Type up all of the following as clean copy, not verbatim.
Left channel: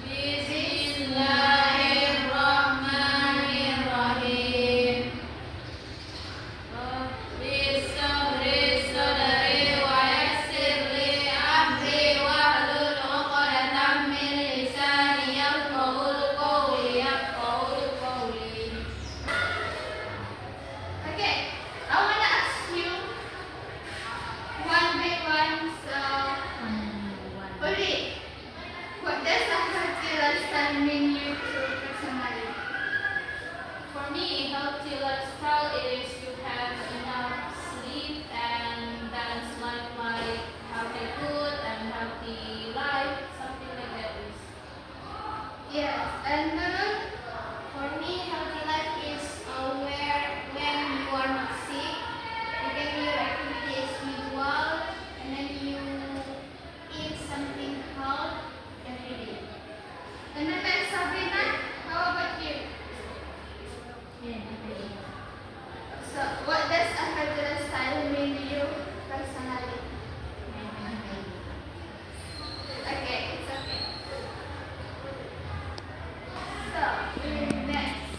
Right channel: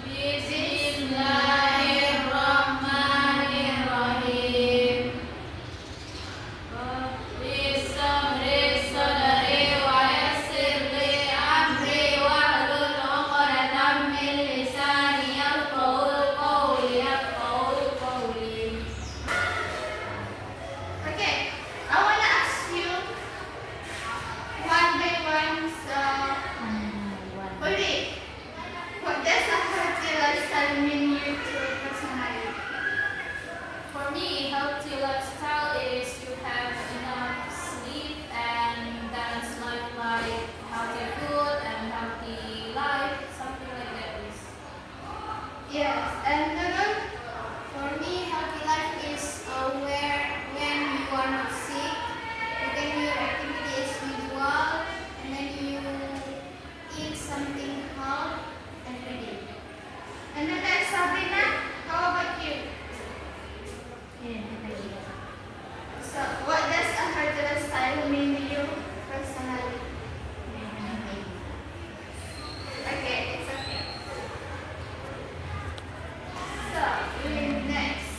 Bismillahirrahmanirrahim. Rabbis sabri sadri wa yassir li amri wahlul 'uqdatam min lisani yafqahu qawli. Okay, I wanna ask you one by one. So, Uli, what does a healthy lifestyle mean you to personally? For me, healthy lifestyle is to have enough sleep and balanced life, like healthy food and healthy life, something like that is. Yes, and for me, healthy life is where when you are not sick, you can do your activity as usual, and then you eat something healthy every day. And then there's Sabrina. How about you? So, what does a healthy lifestyle mean to you personally? Okay, it's okay. So, next.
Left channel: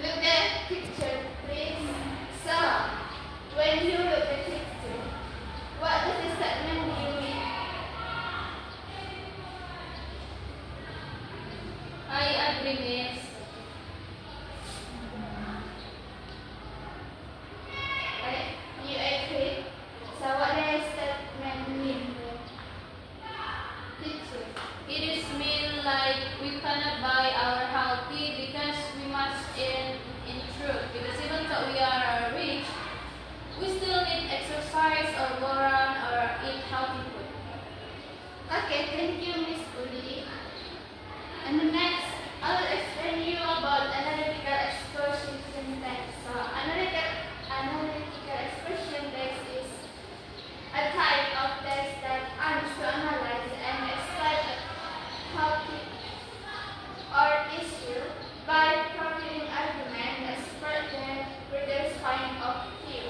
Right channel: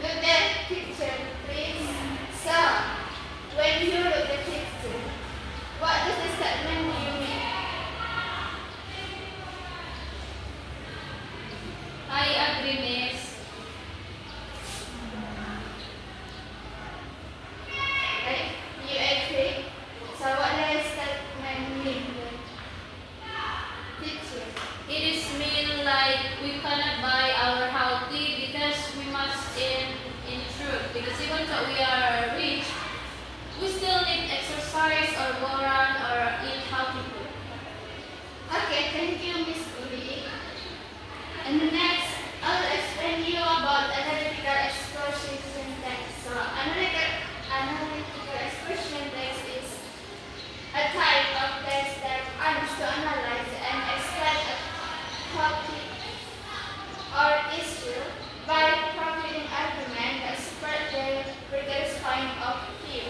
Look the picture, please. So, when you look the picture, what does the statement do you mean? I agree, Miss. Right? You agree? So, what does statement mean? Picture. It is mean like we cannot buy our healthy because we must in truth. Because even though we are rich, we still need exercise or go run or eat healthy food. Okay, thank you, Miss Uli. And the next, I'll explain you about analytical exposition text. So, analytical exposition text is a type of text that aims to analyze and explain a topic or issue by providing argument that support the reader's point of view.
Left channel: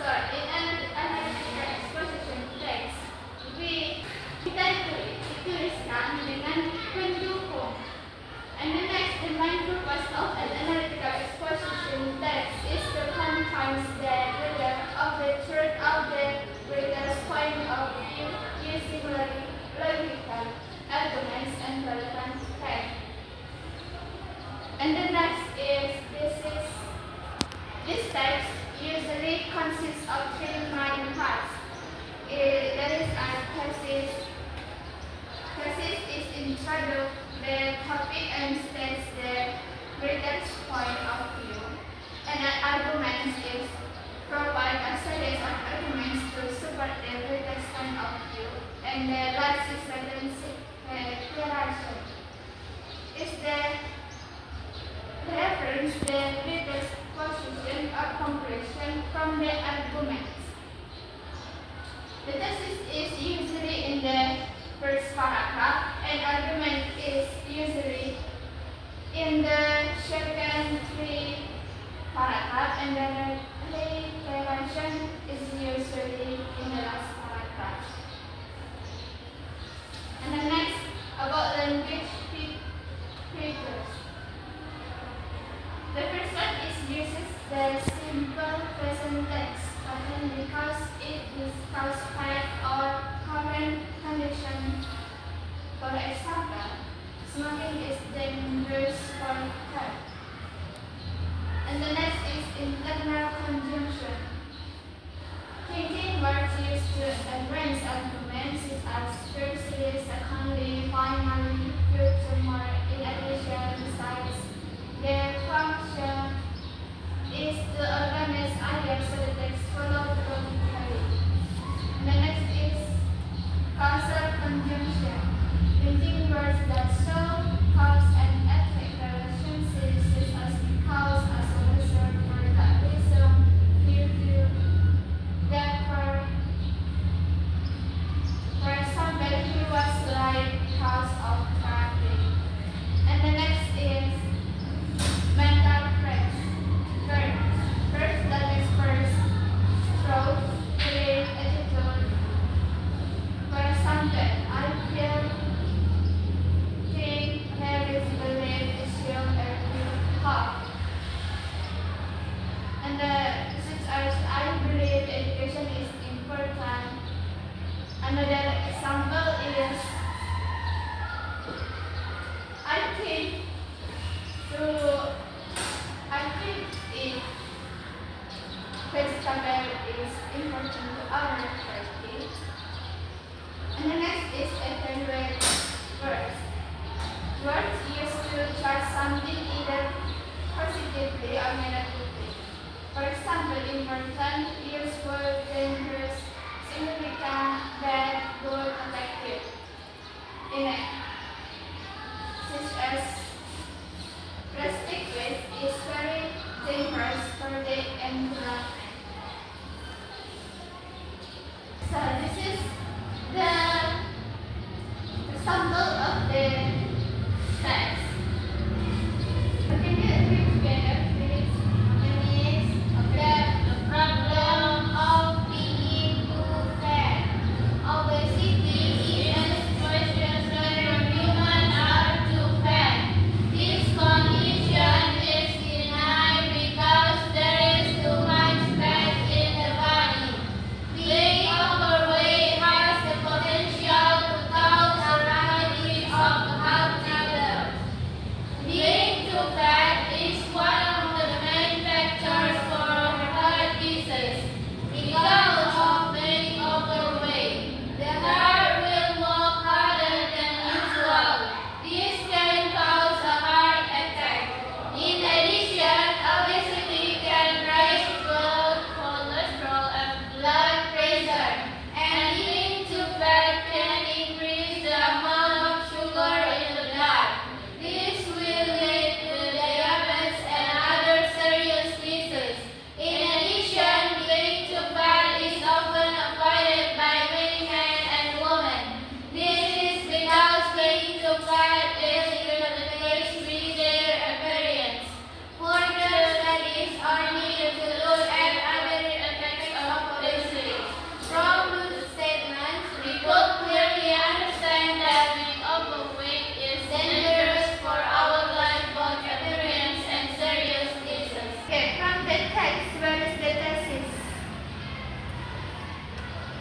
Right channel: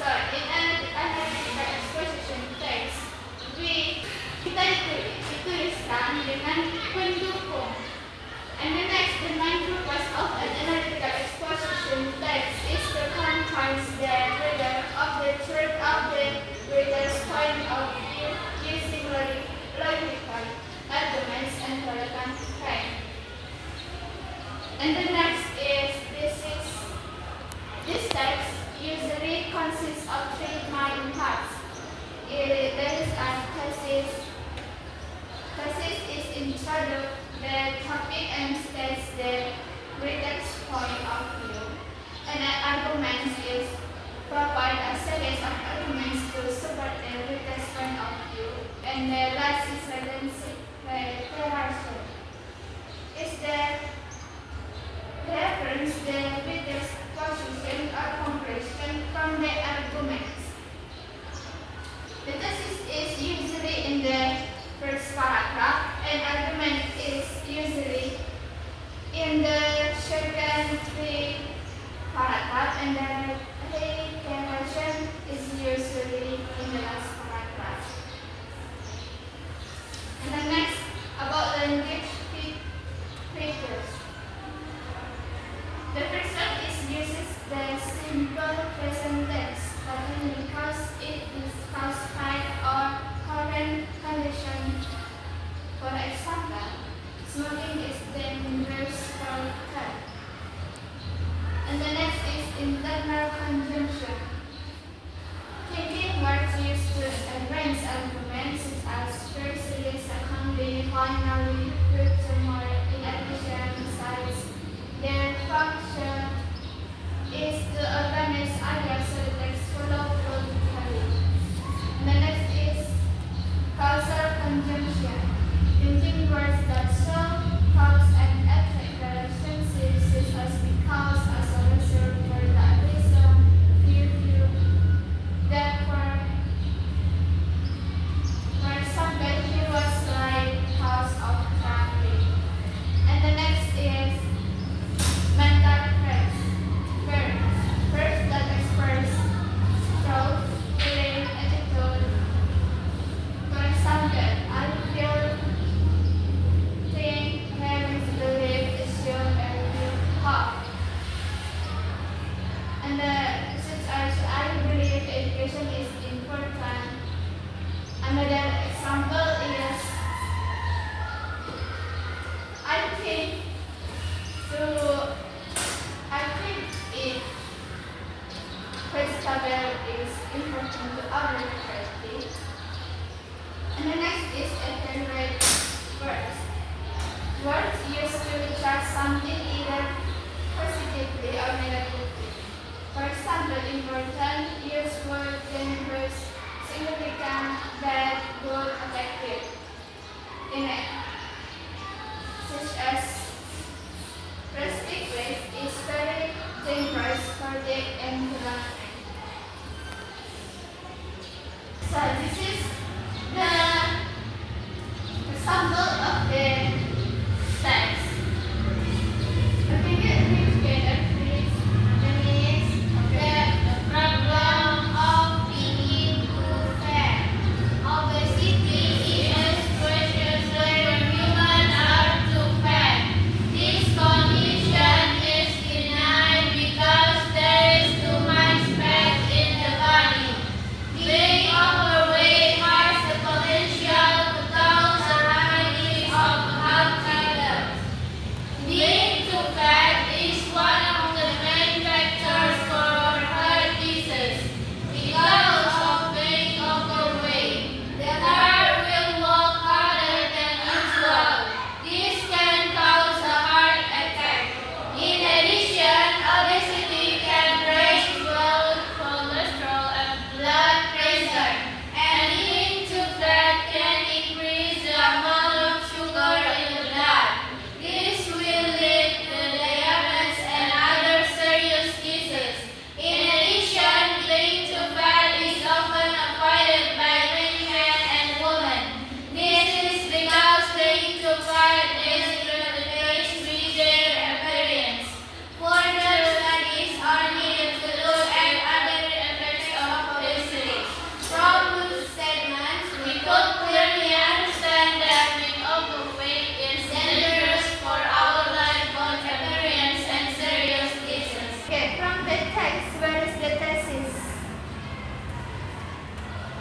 So, in analytical exposition text, kita dituliskan dengan pendukung. And the next, the main purpose of an analytical exposition text is to convince the reader of the truth of the reader's point of view using logical arguments and relevant facts. And the next is this text usually consists of three main parts. There is a thesis. Thesis is introduce the topic and states the reader's point of view. And an argument is provide a series of arguments to support the reader's point of view. And the last is declaration. Is the reference the reader's position or comparison from the arguments. The thesis is usually in the first paragraph, and argument is usually in the second three paragraph, and the declaration is usually in the last paragraph. And the next, about language features. The first one is uses the simple present tense, because it discusses fact or current condition. For example, smoking is dangerous for health. And the next is internal conjunction. Thinking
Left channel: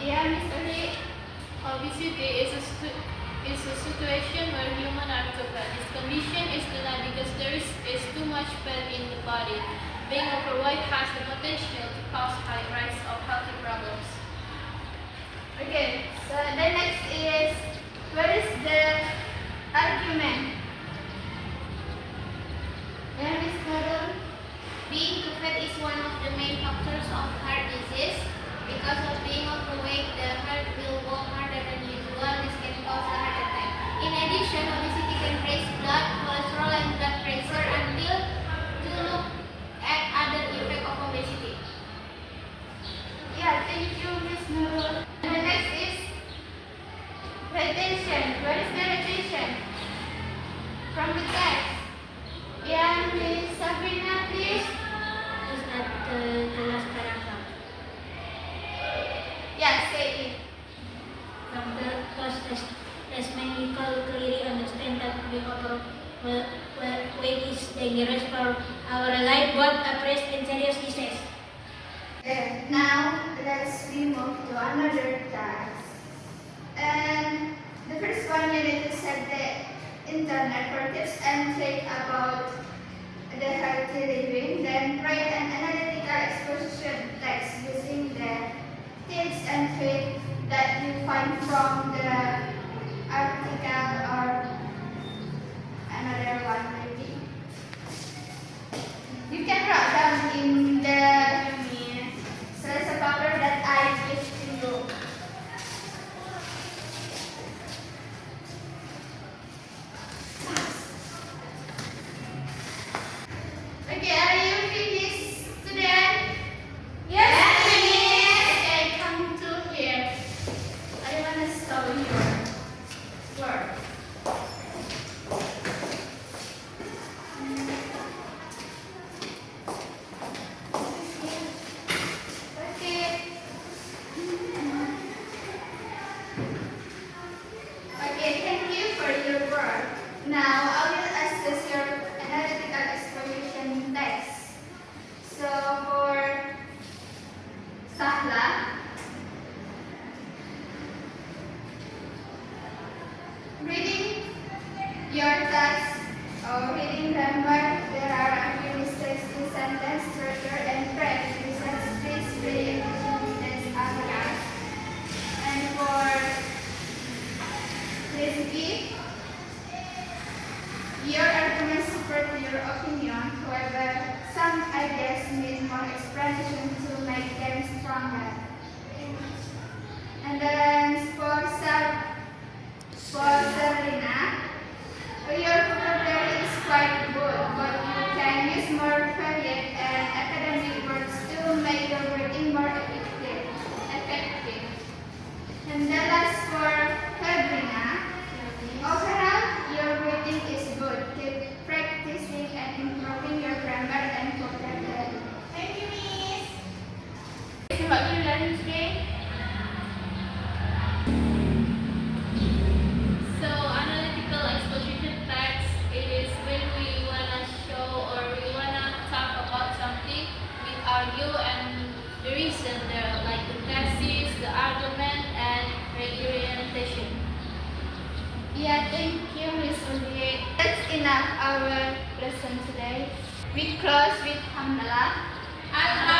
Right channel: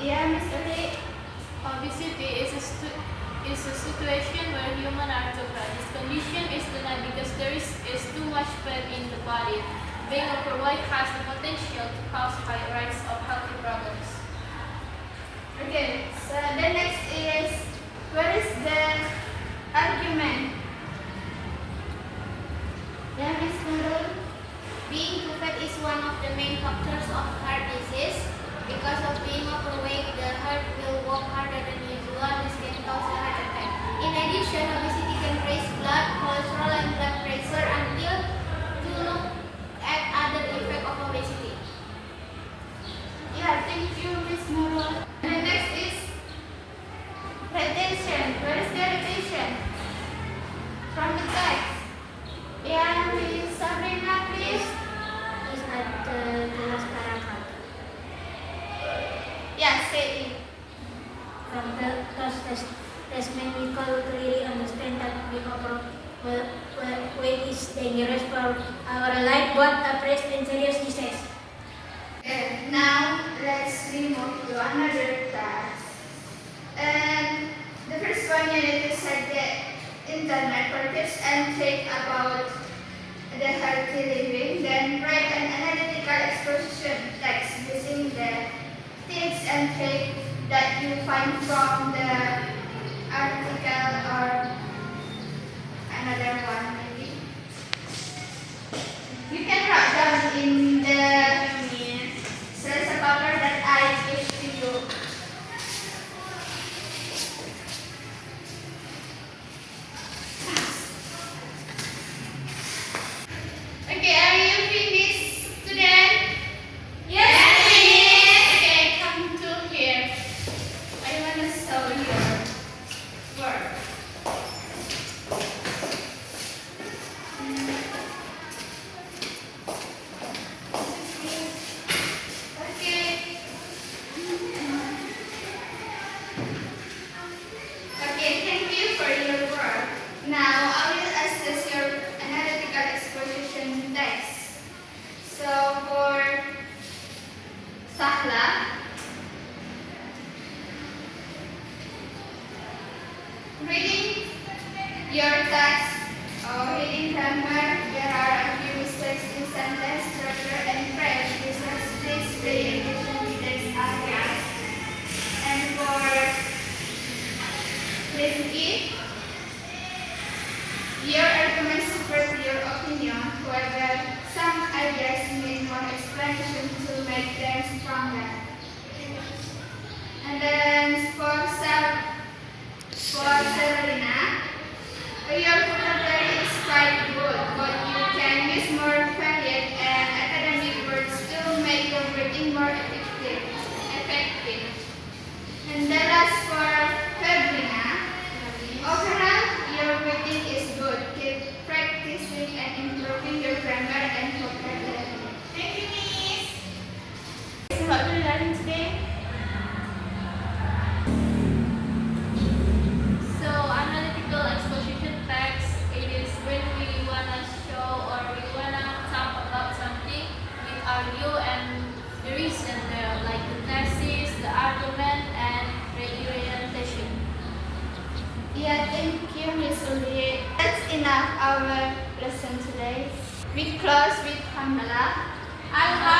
Yeah, Miss Uri. Obesity is a situation where humans are too fat. This condition is denied because there is too much fat in the body. Being overweight has the potential to cause high rise of health problems. Okay, so the next is, what is the argument? Yeah, Miss Nurul. Being too fat is one of the main factors of heart disease. Because of being overweight, the heart will work harder than usual. This can cause a heart attack. In addition, obesity can raise blood, cholesterol, and blood pressure. Until to look at other effects of obesity. Yeah, thank you, Miss Nurul. And the next is retention. What is the retention? From the text. Yeah, Miss Sabrina, please. Is at the last paragraph. Yeah, say it. From the first testament, we clearly understand that being overweight is dangerous for our life, both a press and serious disease. Okay, now let's move to another task. And the first one, you need to set the internet for tips and tricks about the healthy living. Then write an analytical exposition text using the tips and tricks that you find from the article or another one maybe. You can write down in the slice of paper that I give to you. Okay, are you finished today? Yes, miss. Okay, come to here. I want to show your work. Okay. Okay, thank you for your work. Now I will assess your analytical exposition text. So for Sahla, reading your text or reading grammar, there are a few mistakes in sentence structure and French. Please pay attention to these areas. And for Rizky, your arguments support your opinion. However, some ideas need more explanation to make them stronger. And then for Serena, your vocabulary is quite good, but you can use more varied and academic words to make your reading more effective. And the last for Sabrina, overall, your reading is good. Keep practicing and improving your grammar and vocabulary. Thank you, Miss. So what we learned today? So analytical exposition text, it is when we wanna show or we wanna talk about something, we argue and the reason there, like the thesis, the argument, and reorientation. Yeah, thank you, Miss Uli. That's enough our lesson today. We close with Hamdallah. Allah